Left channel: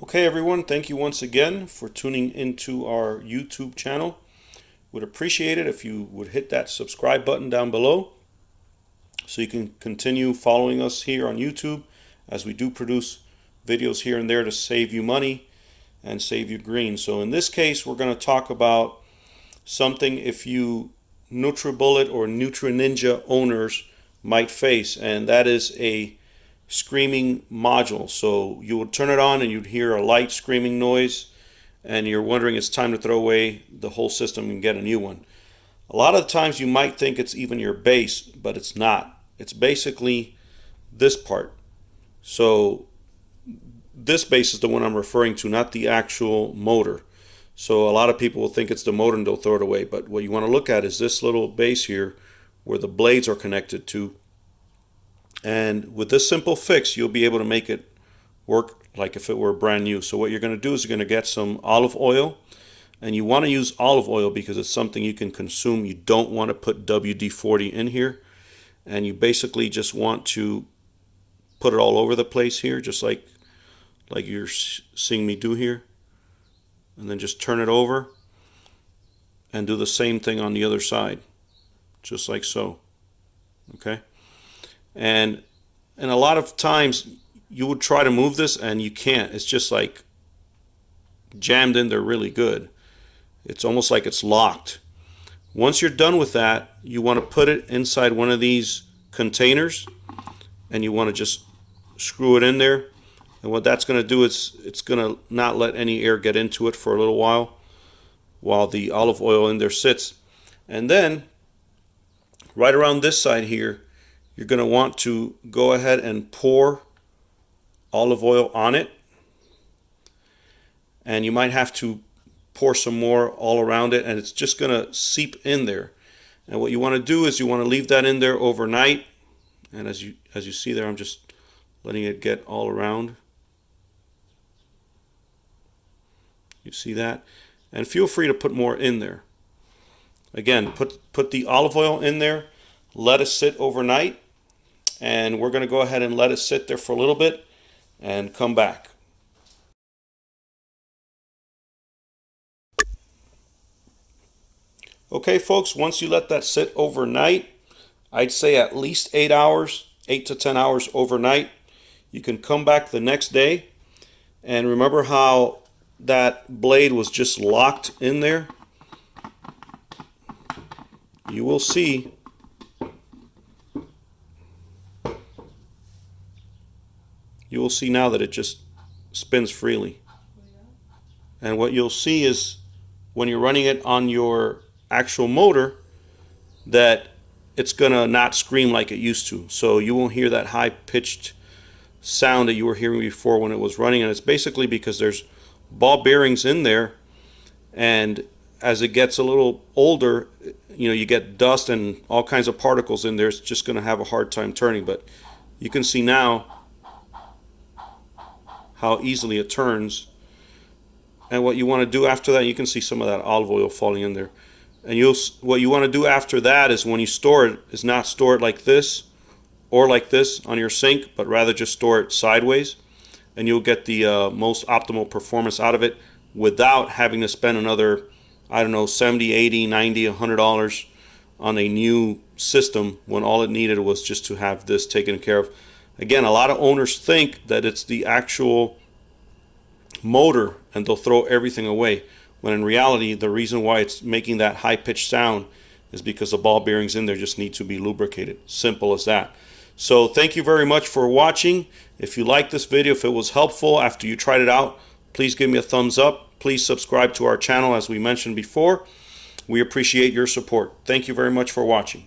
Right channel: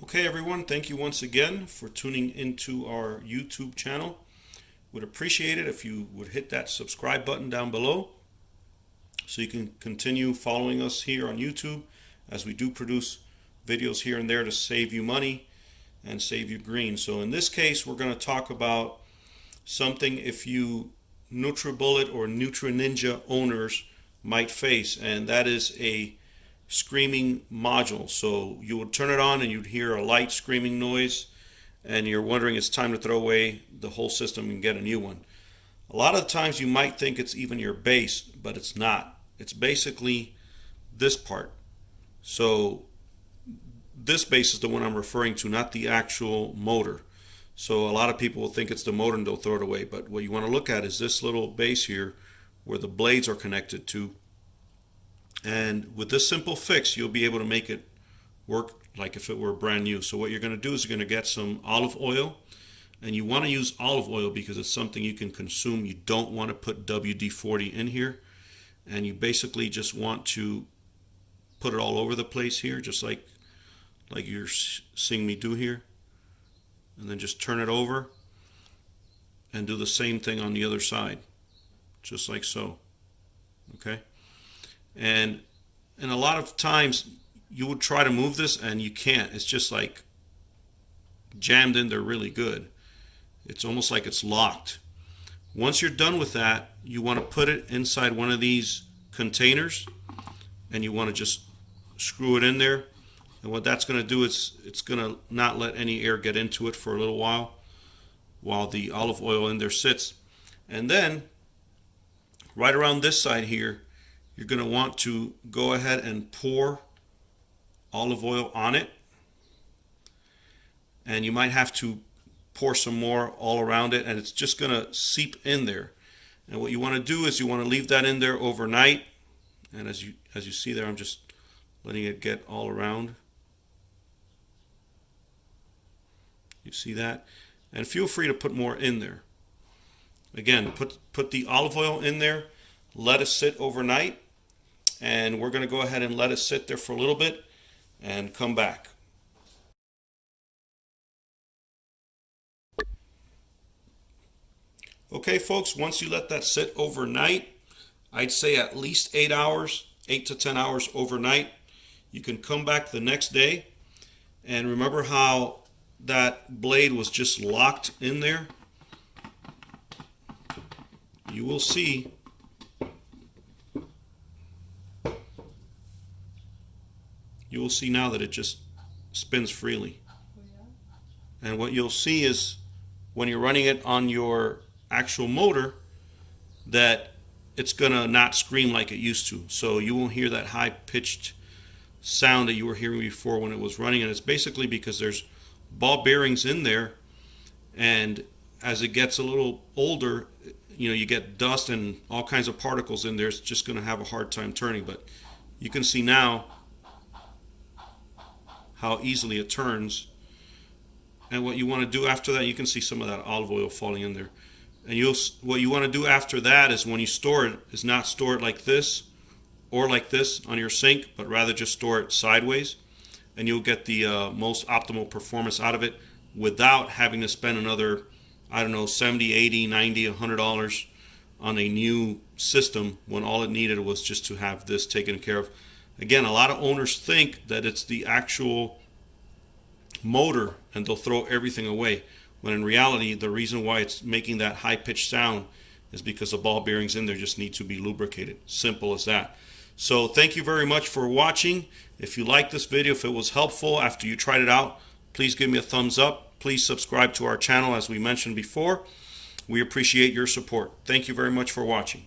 Okay, everyone, thank you once again for tuning into our YouTube channel. Would appreciate it if you would hit that subscribe button down below so you can continue following us here on YouTube as we do produce videos here and there to save you money and save you green. So in this case, we're going to talk about something if you Nutribullet or Nutri NInja owners might face, and that is a screaming module. So you would turn it on and you'd hear a light screaming noise and you're wondering it's time to throw away the whole system and get a new one. A lot of the times you might think it's even your base, but it's not. It's basically this part. So this base is the one I'm referring to, not the actual motor. So a lot of people will think it's the motor and they'll throw it away, but what you want to look at is this little base here where the blades are connected to. And with this simple fix, you'll be able to make it work like if it were brand new. So what you're going to do is you're going to get some olive oil, and you want to use olive oil because it's something you can consume. You don't want to put WD-40 in here, and you basically just want to put it all over the place here, just like you're seeing me do here, and then just turn it over and do the same thing on the other side, just like so. Okay. And a lot of times you would try to move this and you can't. It's just like jammed in there really good. It's almost like it's locked. Once you're done with that, you want to put it inside one of these containers and you want to just screw it in there. And what that's going to do is it's going to not let any air get into it for a little while the olive oil in there sits. And then right around this side here, you're going to want to go ahead and pour olive oil on it. And you might have to pour some more all around it, and it's just going to seep in there. And what you want to do is you want to leave that in there overnight. And as you see there, I'm just letting it get all around. You see that? And feel free to put more in there. Again, put the olive oil in there, let it sit overnight. And we're going to go ahead and let it sit there for a little bit and come back. Okay, folks, once you let that sit overnight, I'd say at least 8 hours, 8 to 10 hours overnight, you can come back the next day. And remember how that blade was just locked in there? You will see now that it just spins freely. And what you'll see is when you're running it on your actual motor that it's gonna not scream like it used to. So you won't hear that high-pitched sound that you were hearing before when it was running, and it's basically because there's ball bearings in there, and as it gets a little older, you get dust and all kinds of particles in there. It's just gonna have a hard time turning, but you can see now how easily it turns. And what you want to do after that, you can see some of that olive oil falling in there. And what you want to do after that is when you store it, is not store it like this or like this on your sink, but rather just store it sideways. And you'll get the most optimal performance out of it without having to spend another, I don't know, $70, $80, $90, $100 on a new system when all it needed was just to have this taken care of. Again, a lot of owners think that it's the actual motor and they'll throw everything away, when in reality the reason why it's making that high-pitched sound is because the ball bearings in there just need to be lubricated. Simple as that. So thank you very much for watching. If you liked this video, if it was helpful after you tried it out, please give me a thumbs up. Please subscribe to our channel as we mentioned before. We appreciate your support. Thank you very much for watching.